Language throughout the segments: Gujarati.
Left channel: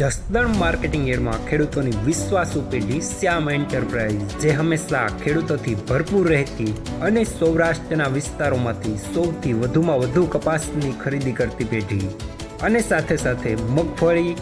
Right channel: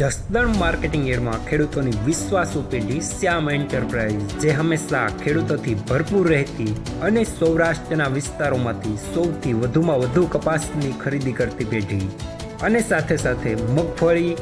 જસદણ માર્કેટિંગ યાર્ડમાં ખેડૂતોની વિશ્વાસુ પેઢી શ્યામ એન્ટરપ્રાઇઝ, જે હંમેશા ખેડૂતોથી ભરપૂર રહેતી અને સૌરાષ્ટ્રના વિસ્તારોમાંથી સૌથી વધુમાં વધુ કપાસની ખરીદી કરતી પેઢી અને સાથે સાથે મગફળી,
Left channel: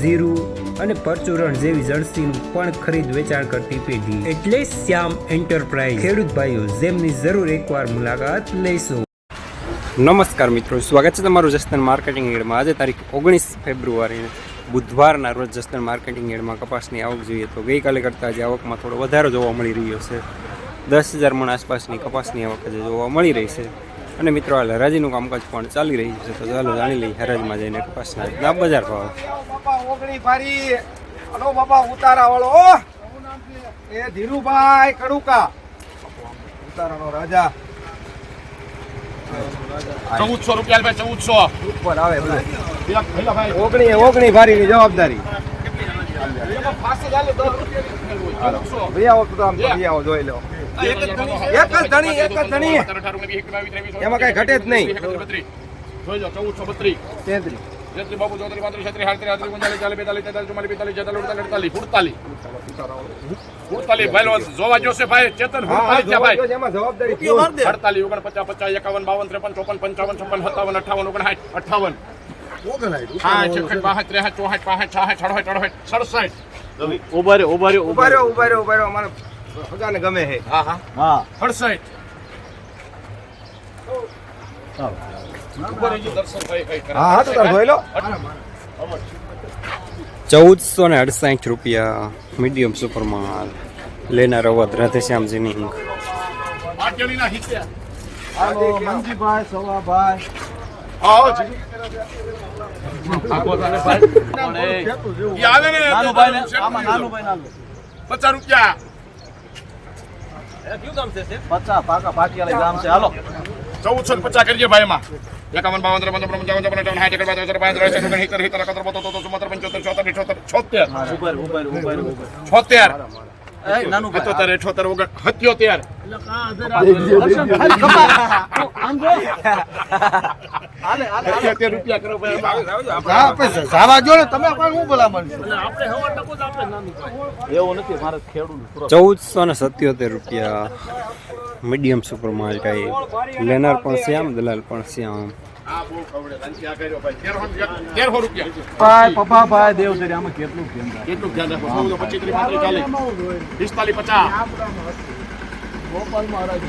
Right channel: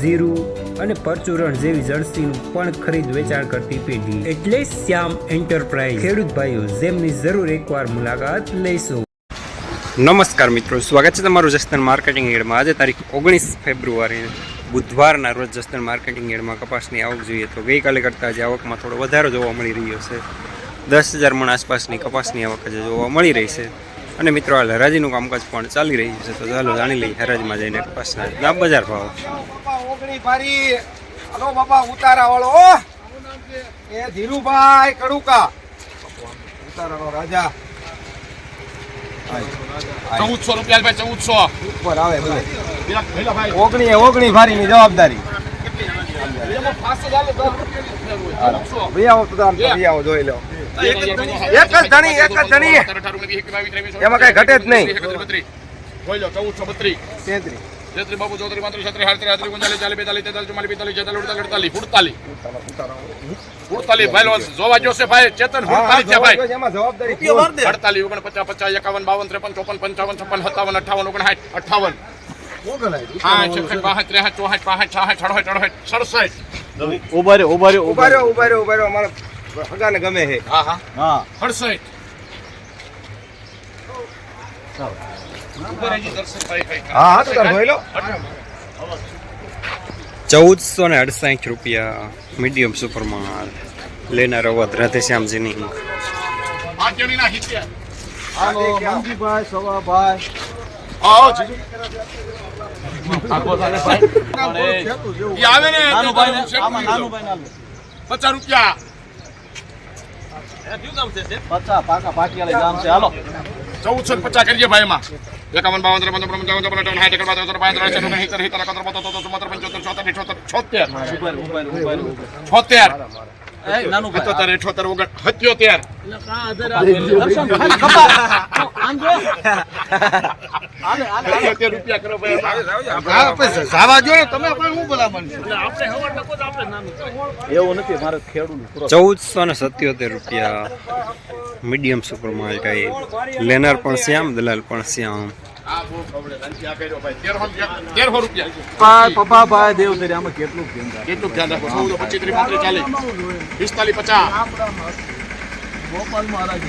જીરું અને પરચુરણ જેવી જણસીનું પણ ખરીદ વેચાણ કરતી પેઢી એટલે શ્યામ એન્ટરપ્રાઇઝ. ખેડૂત ભાઈઓ, જેમની જરૂર એકવાર મુલાકાત લઈશું. નમસ્કાર મિત્રો, સ્વાગત છે તમારું જસદણ માર્કેટિંગ યાર્ડમાં. આજે તારીખ 19 ફેબ્રુઆરી બુધવારના રોજ જસદણ માર્કેટિંગ યાર્ડમાં કપાસની આવક જોઈએ તો ગઈકાલે કરતાં આજે આવકમાં થોડો વધારો જોવા મળી રહ્યો છે. 10,000 મણ આસપાસની કપાસની આવક આજે જોવા મળી રહી છે. અને મિત્રો, હાલ હરાજીનું કામકાજ પણ ચાલી રહ્યું છે, તો ચાલો જાણી લઈએ હરાજમાં જઈને કપાસના બજાર ભાવ. હલો બાપા, ઉતારા વાળો એ ધીરુભાઈ કડુકા, ઉતારાનો રાજા. 1400 રૂપિયા ભાઈ, 1400 ઉપર આવે ભાઈ. ઓગણી ભારીની જવાબદારી. આવો જોઈ લો. એક જ ધણી એમાં કઈ ઘટે જ નહીં. જોઈ લો. 1432 33 33 બાબુ 34 35 37 38 39 40 45 48 ભાઈ જોવા જોશે ભાઈ. ચેતન 48 છે ભાઈ. એમાં જવાબદારી 48 49 50 51 52 53 55 56 57 58 58 હા 56 62 63 64 65 66 ઉભા રહ્યો અમારા હગાને ગમે છે. હા 68 હા તો તાર જોઈ લો. 1468 રૂપિયા મીડિયમ સુપરમાં લેનાર અવધ રાધેશ્યામજીની. આર્જણીના હિસ્સે હાલો મંજીભાઈ, સવાભાઈ. આવો જીજુ ઈ આવે ને 50 રૂપિયા. 50 પાકા પાટિયાળી ગામ છે. હાલો 1450 કરીએ ભાઈ. એમાં 51 52 53 નાનું ભાઈ 77 રૂપિયા કરો એવું નથી. મારે ખેડૂત 1477 રૂપિયા મીડિયમ સુપરમાં કાંઈ લેનાર પણ શ્યામ, દલાલ પણ શ્યામ. 1300 રૂપિયા. ભાઈ પપ્પા ભાઈ દેવ છે. આમાં કેટલું કેટલું ધ્યાન રાખો. 14 25 30 40 45 ગોપાલ મહારાજ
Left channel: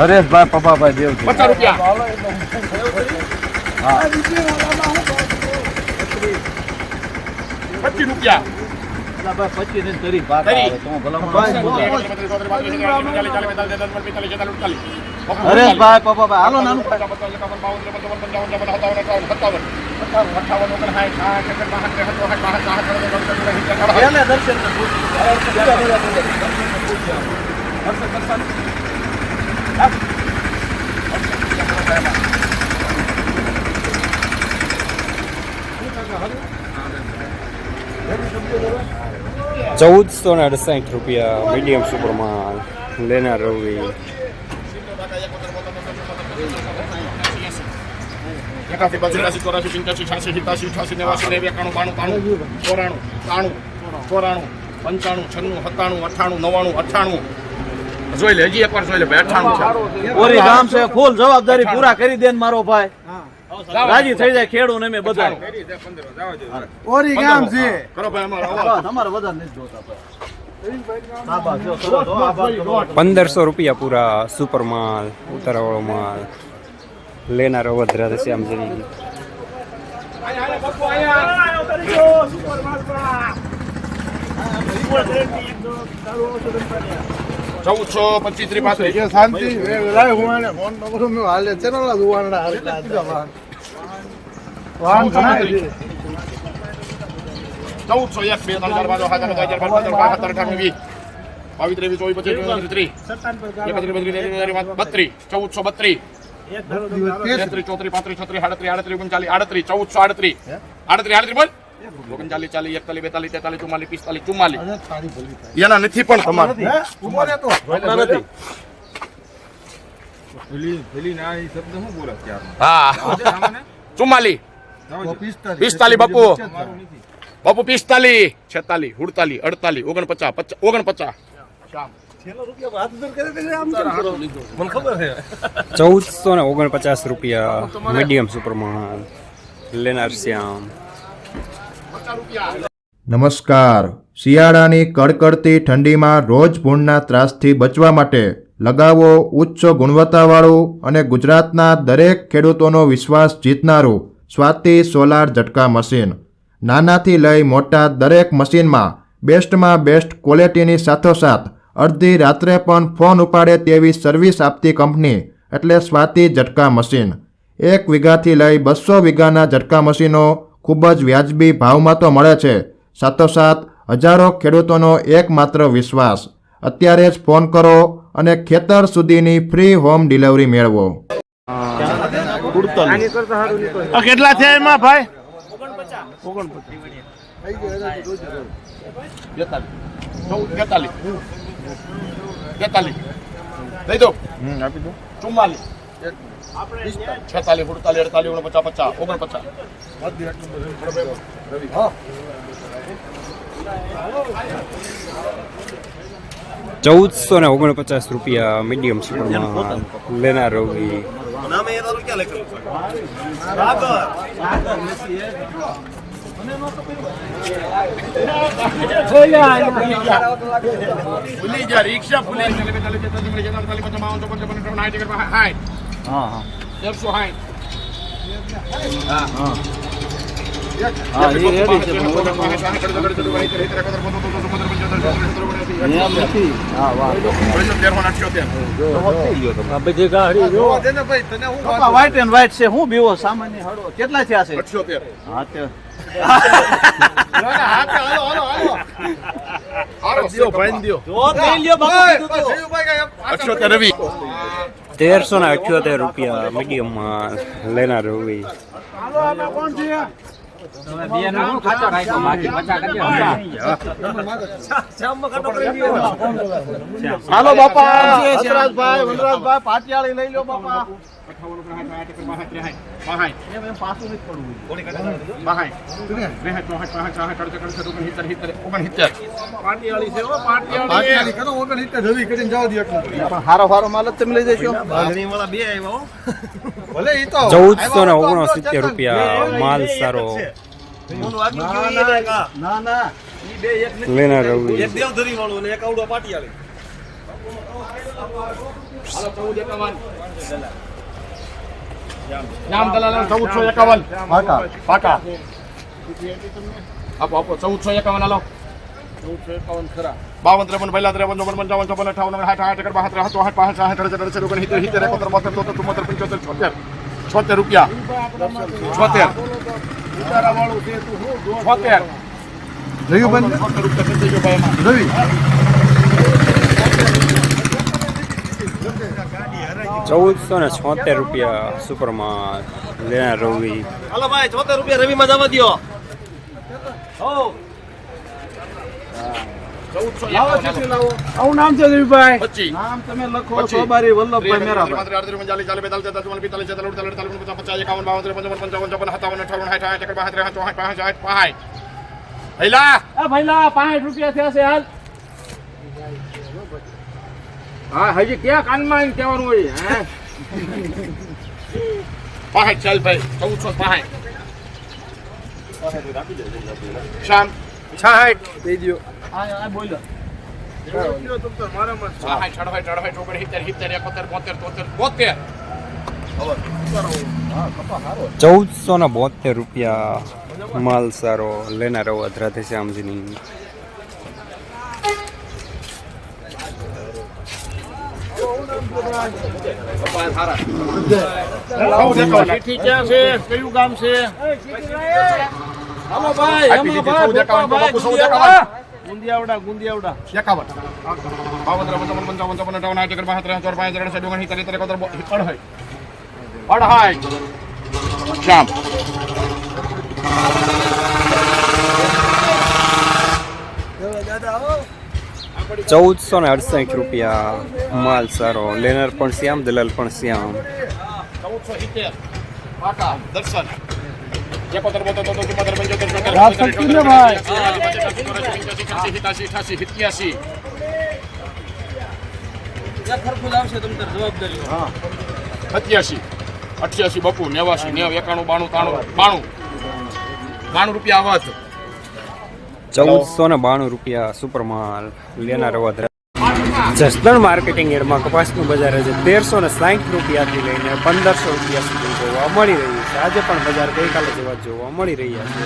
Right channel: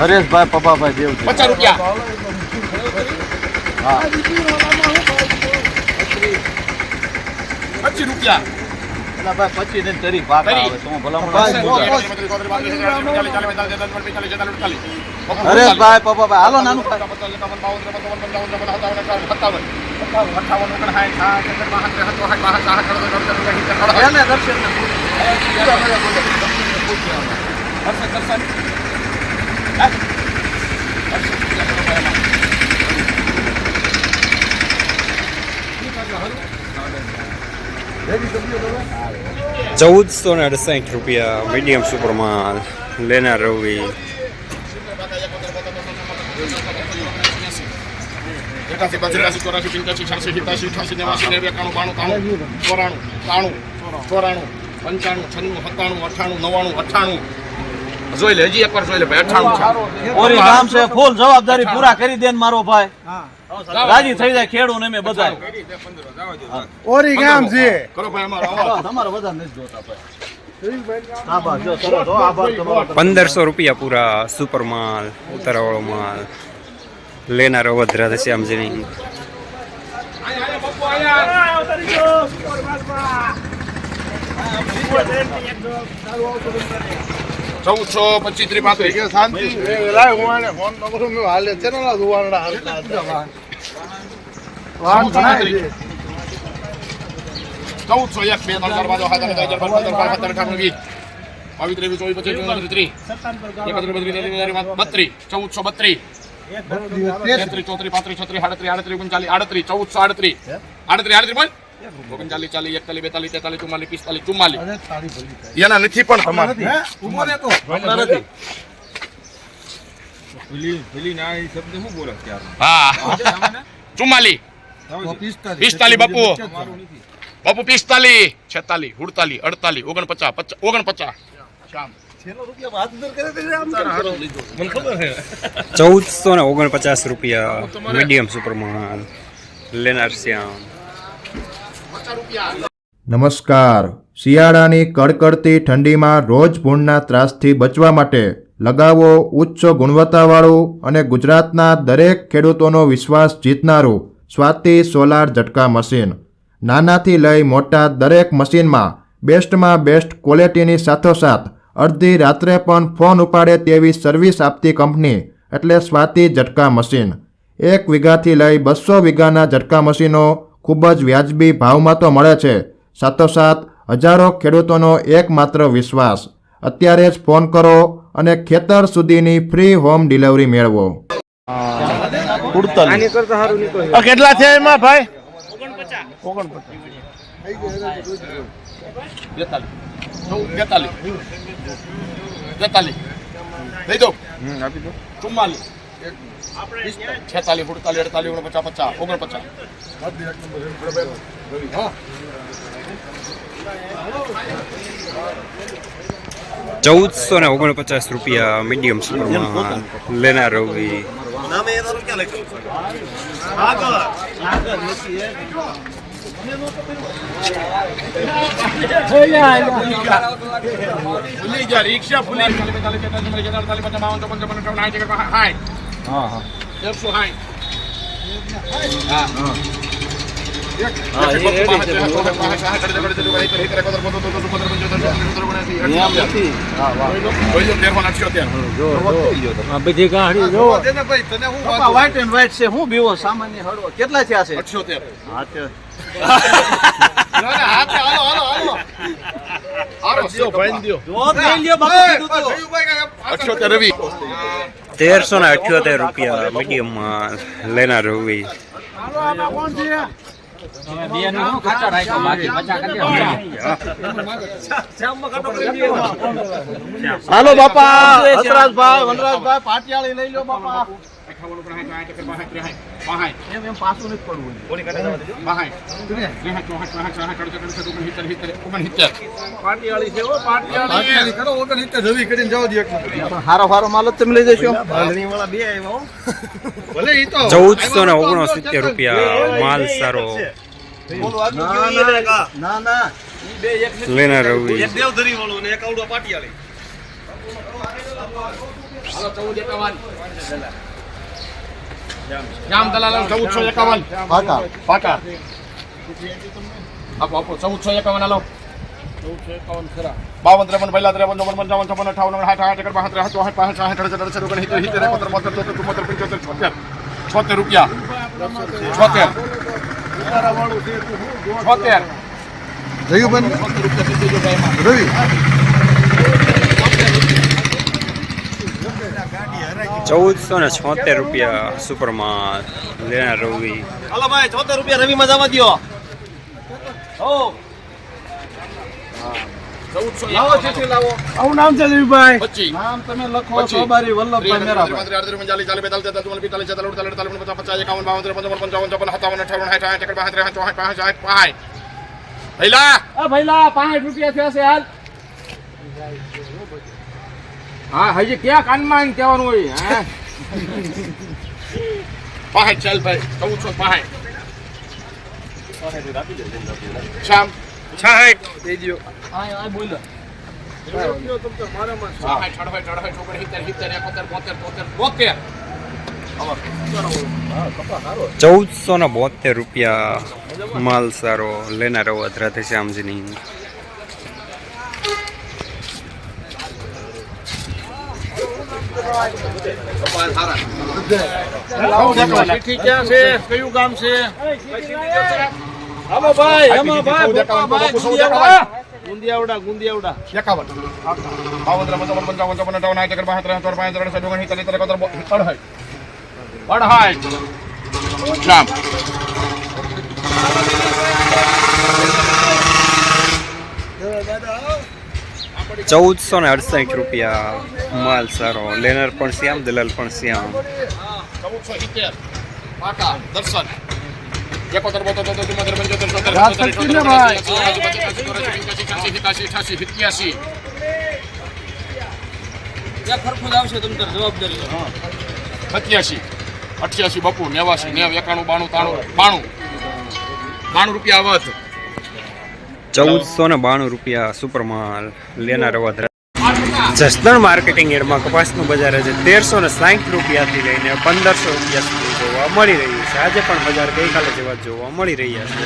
હરેશભાઈ પપ્પા ભાઈ દેવ છે. 50 રૂપિયા. હા 25 રૂપિયા. એટલે ભાઈ 25 ને તરી પાકા આવે તો ભલામણ. હરેશભાઈ પપ્પા ભાઈ હાલો નાનું ભાઈ. 1468 રૂપિયા મીડિયમ સુપરમાં લેનાર રવિ. 98 જોઈ લે. હજી એકવાર જોઈ લે ભાઈ. 98 છે. ઓરી ગામ છે. ફૂલ જવાબદારી પૂરા કરી દે ને મારો ભાઈ. રાજી થઈ જાય ખેડૂત ને મેં બધા. ઓરી ગામ છે. કરો ભાઈ અમારો. તમારે બધા નથી જોતા ભાઈ. 1500 રૂપિયા પૂરા સુપરમાલ, ઉતારાવાળો માલ લેનાર અવધ રાધેશ્યામજીની. 1425 શાંતિ લાય હું આને ફોન ન કરું. મે હાલે છે ને દુવાનડા હાલતા. 1401 2 3 4 5 6 7 8 9 10 11 12 13 14 15 16 17 18 19 20 21 22 23 1432 33 34 35 36 38 39 40 38 1438 બોલ. 39 40 41 42 43 44 44 44 એના નથી પણ ઉભો રહેતો હમણાં નથી. ભૂલી ના શબ્દ શું બોલે ક્યારે. હા 44 45 બાપુ બાપુ 45 46 47 48 49 49 શ્યામ 1449 રૂપિયા મીડિયમ સુપરમાં લેનાર શ્યામ. નમસ્કાર. શિયાળાની કડકડતી ઠંડીમાં રોજ ભૂંડના ત્રાસથી બચવા માટે લગાવો ઉચ્ચ ગુણવત્તાવાળું અને ગુજરાતના દરેક ખેડૂતોનો વિશ્વાસ જીતનારું સ્વાતિ સોલાર ઝટકા મશીન. નાનાથી લઈ મોટા દરેક મશીનમાં બેસ્ટમાં બેસ્ટ ક્વોલિટીની સાથોસાથ અડધી રાત્રે પણ ફોન ઉપાડે તેવી સર્વિસ આપતી કંપની એટલે સ્વાતિ ઝટકા મશીન. 1 વીઘાથી લઈ 200 વીઘાના ઝટકા મશીનો ખૂબ જ વ્યાજબી ભાવમાં તો મળે છે, સાથોસાથ હજારો ખેડૂતોનો એકમાત્ર વિશ્વાસ. અત્યારે જ ફોન કરો અને ખેતર સુધીની ફ્રી હોમ ડિલિવરી મેળવો. કેટલા છે એમાં ભાઈ? 42 દઈ દો 44 46 48 48 49 ₹1449 રૂપિયા મીડિયમ સુપરમાં લેનાર રવિ. ભૂલી જા રિક્ષા ભૂલી 42 43 44 55 વ્હાઈટ એન્ડ વ્હાઈટ છે હું બીવો સામાન્ય હળવો કેટલા થયા છે? 1378 રૂપિયા મીડિયમમાં લેનાર રવિ. હાલો બાપા વનરાજભાઈ પાટિયાળી લઈ લો બાપા. હારો માલ તમે લઈ જશો. 1469 રૂપિયા માલ સારો લેનાર રવિ. જામ દલાલ 1451 પાકા આપો 1451 હાલો 1451 ખરા 52 53 પહેલા 53 54 55 58 76 રૂપિયા 76 ₹1476 રૂપિયા સુપરમાં લેનાર રવિ. હાલો ભાઈ 74 રૂપિયા રવિમાં જવા દો. લાવો ચીઠી લાવો. આવું નામ છે રવિભાઈ? 25 નામ તમે લખો સોબારી વલ્લભભાઈ મેરાભાઈ. ભઈલા 5 રૂપિયા થયા છે હાલ. હા હજી ક્યાં કાનમાં કહેવાનું હોય હે 5 ચાલ ભાઈ 1405 શામ 66 દઈ દો. આ બોલો. હા 68 ₹1472 રૂપિયા માલ સારો લેનાર રાધે શ્યામજીની. ચીઠી ક્યાં છે? કયું ગામ છે? હાલો ભાઈ એમાં ભાઈ ગુંદિયાવડા 1468 રૂપિયા માલ સારો લેનાર પણ શ્યામ દલાલ પણ શ્યામ. 1470 પાકા દર્શન 71 72 73 74 ત્યાં ખરખું જ આવશે તમ તાર જવાબદારી 87 88 બપુ 89 91 92 93 92 રૂપિયા આવત 1492 રૂપિયા સુપરમાલ લેનાર વધારે. જસદણ માર્કેટિંગ યાર્ડમાં કપાસનું બજાર આજે 1360 રૂપિયાથી લઈને 1500 રૂપિયા સુધી જોવા મળી રહ્યું છે. આજે પણ બજાર ગઈકાલે જેવા જ જોવા મળી રહ્યા છે.